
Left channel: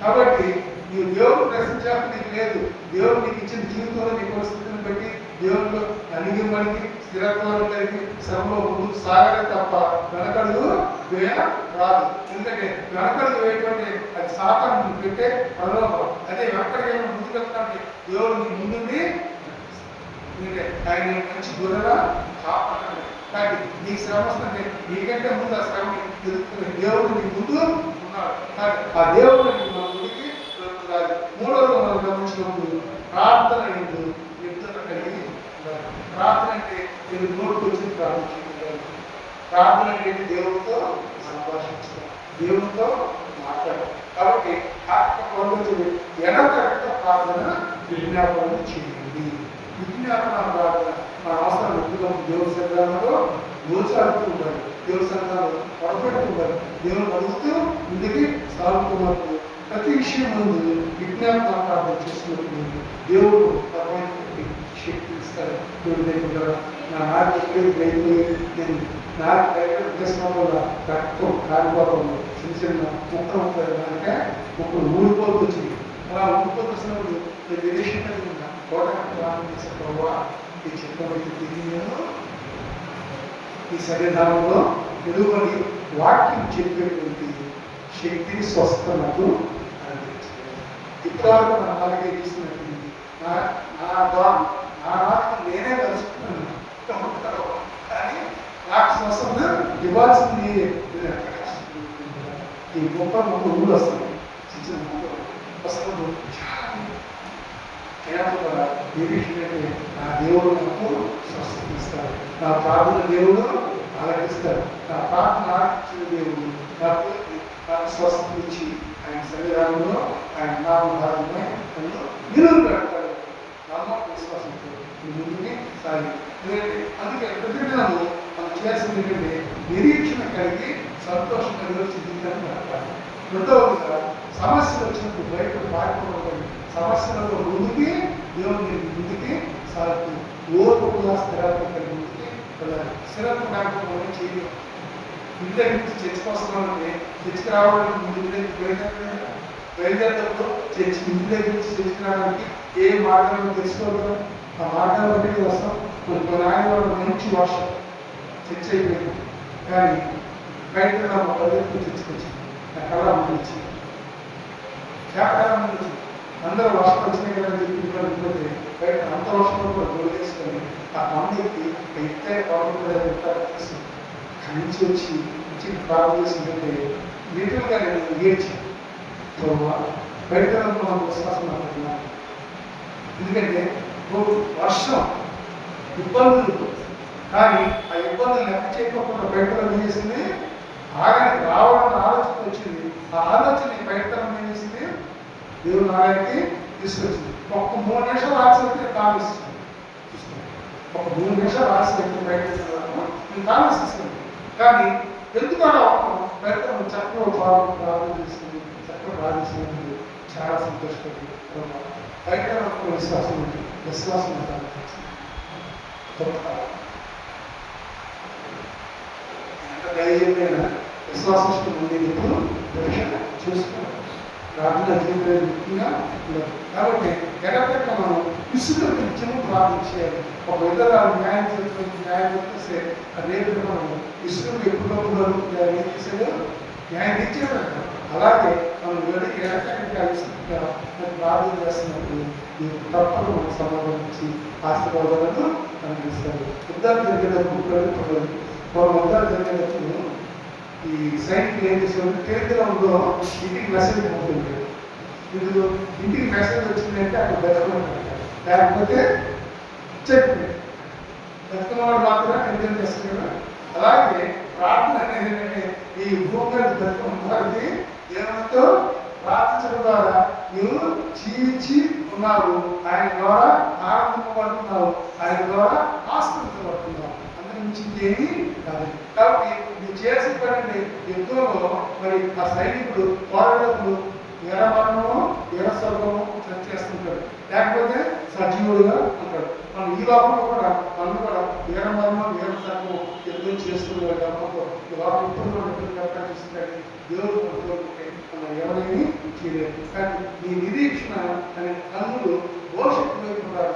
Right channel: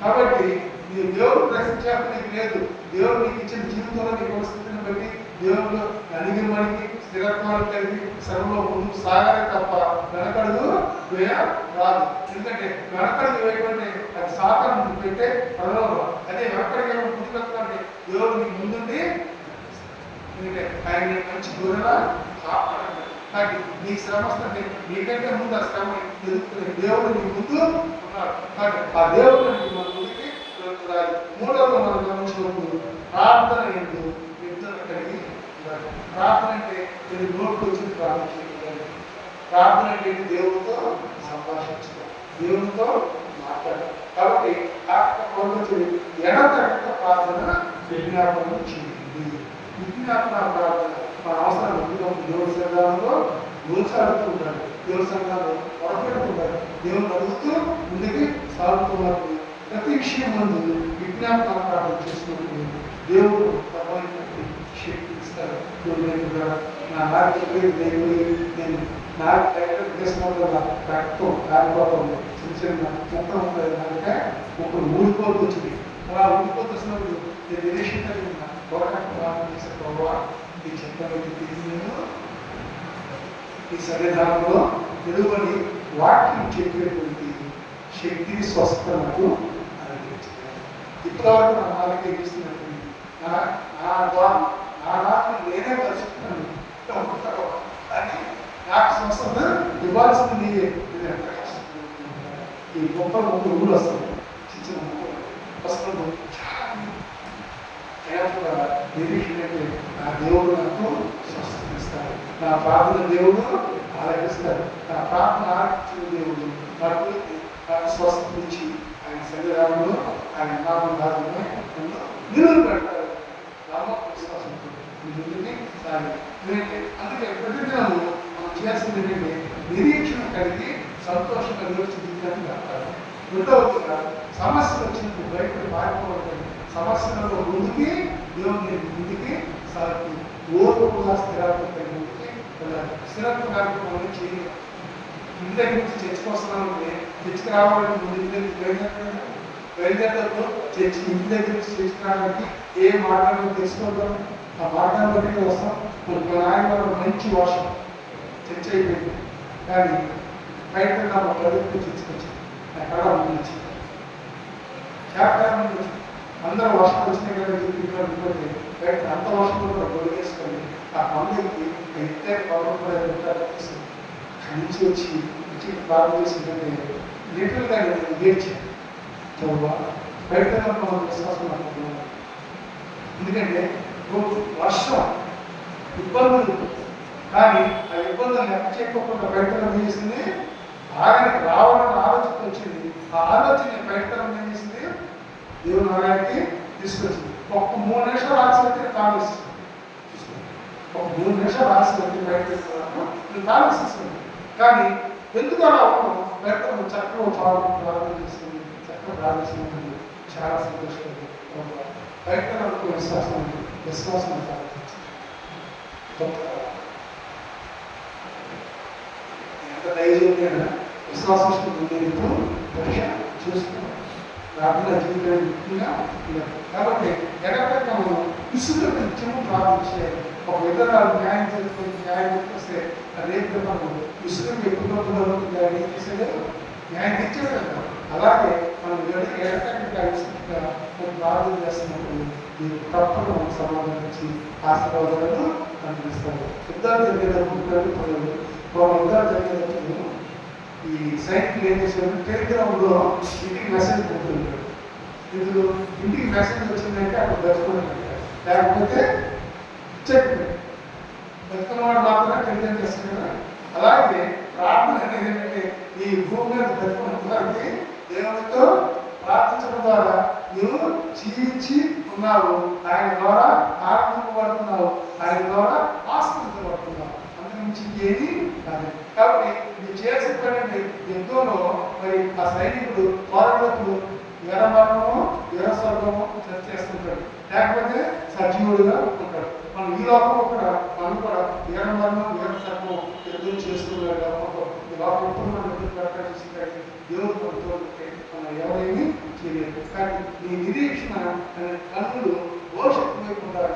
కాబట్టి నీవు దేవుడు ప్రశ్నించాక నీకు లేదు, దేవుడు నీకు ఇచ్చిన జీవితంలో నీ పరిస్థితిని బట్టి దేవుళ్ళు అణిగి మణిగి స్థిరత్వాలు కలిగి శ్రమలో ముందుకు సాగాలి తప్ప వెనకడుగు వేయ రాదు. ఎందుకంటే వెనకడుగు వేయటువంటి అది సాతాను పెట్టే ప్రలోభం. అదే వెనకడికి ముందుకు వెళ్తామంటే దేవుడు నీకు ముందుండి, ఎందుకంటే ఆయన మంచి దూరంగా కాపాడండి. కానీ నీకు శ్రమ వస్తుంది, నీకంటే ముందు ఆ శ్రమ ఎదుర్కొనే దేవుడు నీ ముందు ఉన్నాడు. కానీ ఆ దేవుడు నీకు మన ముందుకి వెళ్తున్నారు. మూడవది మనం గమనించినప్పుడు ప్రార్థన ఎందు నిద్ర కలిగి ఉండాలి. ప్రార్థన అంటే ఇది నోటుకు వచ్చింది ప్రార్థించాలి. ప్రార్థన అంటే దేవుడితో సంభాషించడం, దేవుడితో మాట్లాడడం. కాబట్టి ఎడతెగక ప్రార్థన విజ్ఞాపన చేయండి. విజ్ఞాపన ప్రార్థన మన అవసరాలు ఎక్కువగా దేవుడి సంఘాలలో గోచాడుతూ ఉండాలి, దేవుడి సంఘాలు పొరపెడుతూ ఉండాలి, దేవుని అడుగుతూ ముందుకి సాగుతున్నప్పుడు ప్రతి విషయం ముందు విజ్ఞాపన ప్రార్థన చేసినప్పుడు దేవుడు పరమైనటువంటి శక్తి ఇస్తారు. దేవుడు దగ్గర నా నాకు నేను నాకు దగ్గర దేశంలో రక్తం కాలిపోతుంది, చిన్న చిన్న ముక్కలు ఉంటుంది, కనుక ముక్కలు ఊడిపోతూ వచ్చింది. అలా ఊడిపోతూ వచ్చినప్పుడు నేను నిరీక్షణ కలిగి ఉన్నా కోటానికి ప్రార్థన చేసే ప్రభావ ఈ చెప్పబట్టి నేను ఈ సన్నిధానంలో తెలుగుని వాక్యం చెప్పేటువంటి శక్తిని స్వస్థత నాకు అనుగ్రహించాలి. ఇప్పటివరకు నా నాలుగే ఇస్తున్నట్టు నా నాలుగు నేనే కలుసుకున్నాను, కానీ నాకు స్వస్థత ఇవ్వాల్సింది నీరే. ఈ గొప్ప ముగ్గురు ఊళ్ళు వస్తుంది, చిన్న చిన్న ముగ్గురు వస్తున్నప్పుడు చాలా నిరీక్షణ నా దేవుడు నాకు స్వస్థత ఇస్తాడు, నా ప్రార్థన దేవుడు ఆలకిస్తాడు, నా ప్రార్థన ఆలకించిన దేవుడు నాకు స్వస్థత ఇచ్చి ఆయన సన్నిధానంలో ఆయన నామధారంలో నన్ను నిలువ పెడతాడు. నమ్మకం విశ్వాసంతో ముందుని సాగి. అందుకే ప్రతిదినాలు మనం చేయాల్సింది ఏంటంటే నిరీక్షణ కలిగి సంతోషంగా నిలిచి జీవితాన్ని గడపాలి. రెండవదిగా సమస్యలు వచ్చినప్పుడు బయట పారిపోవడం, సమస్యలలో ముందుకి దేవుని ముందుకి సాగుతూ ఓర్పు కూడా స్థిరత్వం కలిగి ముందుకి వెళ్ళాలి. స్థిరత్వం లేకపోవడం చేయలేదు. ఇంటి దగ్గర నుంచి చర్చకు వస్తున్నామంటే చర్చకు రావడం ముందు ఇంటి దగ్గర బయలుదేరేటప్పుడు ఇంటి దగ్గర నుంచి చర్చకు రావడానికి ఏ మార్గాలను తెలుసుకోగలం, ఆ మార్గాలు బట్టి వస్తాం. మన ఆయన మంచి వర్షం చర్చ అయిపోయింది, కానీ బయట నా ప్రజలకు చర్చకొచ్చింది, నా కళ ముందు వచ్చింది, కళ ముందు వచ్చింది. అందరూ వర్షం వచ్చినాయి కదా చెప్పిపోతే బయట అంత వర్షంలో కూడా గొడిగేసుకొని ఆ పండుగకి ఎత్తైన పర్వతాలు నుంచి వచ్చి ప్రార్థన చేసిందంటే లిటరల్గా నేను గేర్చాను. బయట మనం విశ్వాసం అనుకుంటున్నాను. ఎందుకంటే వర్షం ఇబ్బందులు, కానీ ఆ ఇబ్బందులు లెక్క చేయకుండా బయటలో చేసింది ఆగానికి రావాలని ఆలోచన వచ్చింది. ఆ ఆలోచన బయటలో చేసింది దేవుని ఆగానికి తీసుకొచ్చింది. ఒక 3 నిమిషాలు ఆలస్యం కాలుస్తుంది, ఒక 3 నిమిషాలు ఆలస్యం బయట నేను కాలుస్తుంది. కానీ ఎందుకు అలా బయట చక్కగా ప్రారంభం చేసుకుంది, చక్కగా ప్రారంభించింది. చాలా సంతోషపడి బయట విశ్వాసం విశ్వాసం ఎంత ధైర్యమైన విశ్వాసం నేను ఎప్పుడు పరీక్ష చూస్తున్నాను. ప్రార్థన జీవితంలో ముఖ్యంగా ఉండదు. కాబట్టి ఎడపెక్క మనం విసుగు నిత్యము ప్రార్థన చేయాలి. ఒక ఇతరాలు న్యాయం చేస్తే రేపు మనం విసుగు ఎప్పుడు ఏం చేసేది న్యాయం తెచ్చేది. అలాగే మనం ఎడపెక్క విసుగుగా ప్రార్థన చేస్తున్నప్పుడు నీకు తప్పక మనకు సమాధానం ఇచ్చి ఆశీర్వాదాలను అందిస్తాడు. యుద్ధాలు జరిగేటప్పుడు యుద్ధాలు జరిగేటప్పుడు ఈ సైనికులు ఏం చేసేవారు, టెలిగ్రామ్లో ఇంటికి మెసేజ్ ఉంటుంది. ఇప్పుడు ఇంటికి మెసేజ్ వచ్చిందంటే అక్కడ బతుకుంటారు, లేకపోతే చెక్ బతుకున్నవాడు మాత్రమే టెలిగ్రామ్ చేస్తారు కదా. అలాగే ప్రార్థన అనేది ఏంటంటే ఈ భూమి మీద బతుకున్న వారికి దేవునితో ప్రార్థించడం ద్వారా నువ్వు జీవించి ఉన్నావు, ఆయన ద్వారా ఆనందింపబడుతున్నావు, ఆయన ద్వారా ఆస్వాదించబడుతున్నావు. అంతకుమించి ఇంకేమీ కాదు. కాబట్టి నువ్వు చేసేటువంటి యుద్ధంలో మరి ఆ సైనికుడు పోరాడేటప్పుడు వీరమరణము వీరస్వర్గము చేస్తుంటాడు, లేకపోతే సజీవుడిగా ఉంటాడు. మనం ఈ లోకంలో కూడా మనం కూడా వీరమరణం వీరస్వర్గం యుద్ధం చేస్తున్నాడు. కాబట్టి ఈ లోకంలో మనం చేస్తున్నాయి దేవుడు మనతో మనం ఎవరైనా చేయలేదు. కానీ నీ నిరీక్షణ అనే కన్నులు భవిష్యత్తు వైపు ఉండాలి.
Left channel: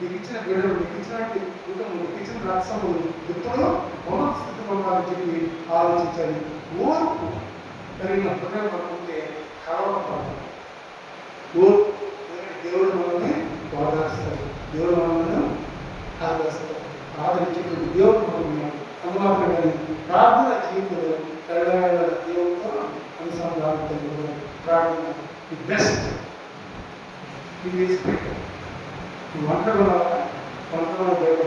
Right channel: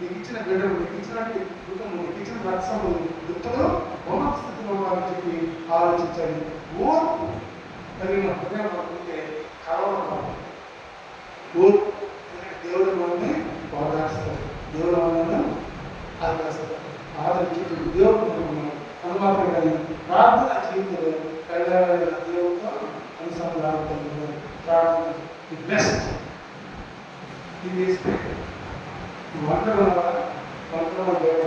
నీకు ఇచ్చిన బిడ్డలు, నీకు ఇచ్చిన కుటుంబం, నీకు ఇచ్చిన రక్షణలు ఎప్పుడూ ఉన్నత స్థితిలో ఉండాలని చెప్పి ఆలోచించాలి. ఓర్పు కలిగిన హృదయం ఉంటే కలవడం ఓర్పు. దేవుడు మనల్ని ఓదార్స్తాడు, దేవుడు మనల్ని ఆదరిస్తాడు, ఆదరించేటువంటి దేవుడు మనం ఉన్నాడు. అందుమాత్రం కానీ ప్రార్థన జీవితంలో దేవుడితో అనుసంధానం ప్రార్థన ది బెస్ట్. ఇది వంటలో దేవుడు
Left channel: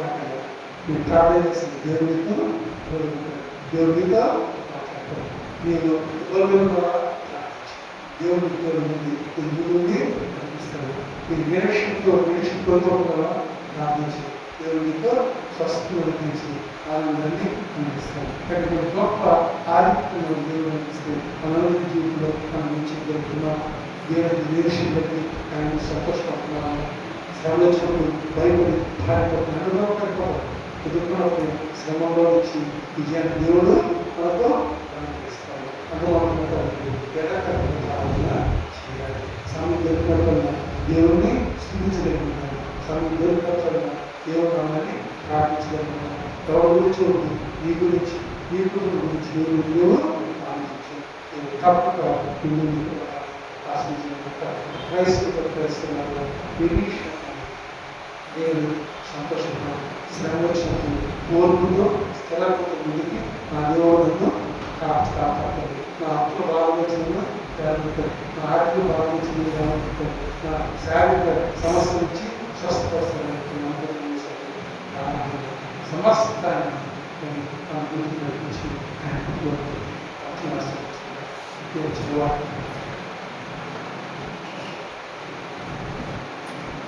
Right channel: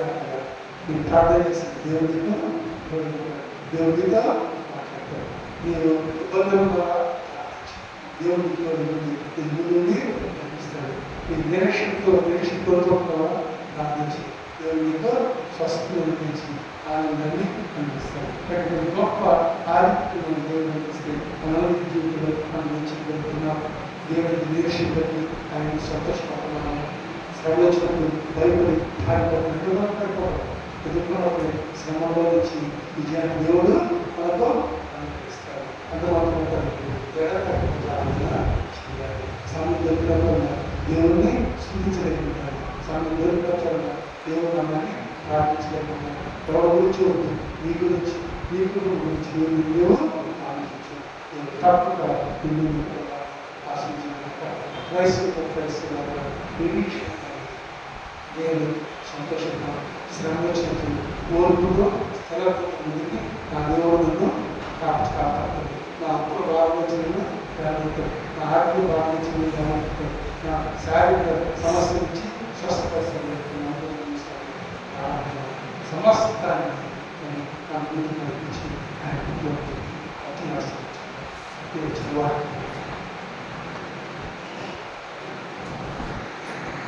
మీరు ప్రార్థన చేసింది దేవుడితో మాట్లాడతారు. మీరు ఇబ్బందులు దేవుడితో ముందుండి కనిపిస్తాడు. మీరు నిరీక్షణ కోరుకుంటున్నారా ప్రార్థించి దేవుడితో స్వస్థతను అనిపించి ఆనందాన్ని అనిపిస్తాడు. అక్కడ గొప్ప ఆదిత్యం దేవుడు అనిపిస్తే మన జీవితంలో మనం జరుగుతున్నాం. దేవుడి నిరీక్షణ బట్టి ఆయన సంతోషపడుతున్నాము. శ్రమ వచ్చినప్పుడు భయపడి భార్యపడుతున్నాడు, ఎదుర్కొన్నప్పుడు శ్రమంలో నుంచి విజయాన్ని దేవుడు మనతో అనుగ్రహిస్తాడు. అందువల్ల ప్రార్థన చేయాలి. సమయం దొరికినప్పుడల్లా దేవుడిని స్థుతించలేకుంటాడు. సమయం దొరికినప్పుడల్లా దేవుడు నామాన్ని ప్రార్థించలేకుంటాడు. ఎవరు గురించి వద్దు, నీ గురించి నీ కుటుంబం గురించి దేవుడు ఆలోచించు. తప్పక నిన్ను ఆశించిన క్రైస్తవ నిరీక్షణ దేవుడు సంతోషంగా శ్రమ వచ్చినప్పుడు ఓర్పుతో స్థిరత్వం ముందుకి నా దేవుడు నన్ను కాపాడతాడు. నా అప్పులు బాధించిన జాగ్రత్తలు, నా ఆర్థిక బాధించిన జాగ్రత్తలు, నా శారీరక సమస్య నుంచి స్వస్థపరుస్తాను. సమస్తాన్ని నా గురించి నడిపించి ఆయన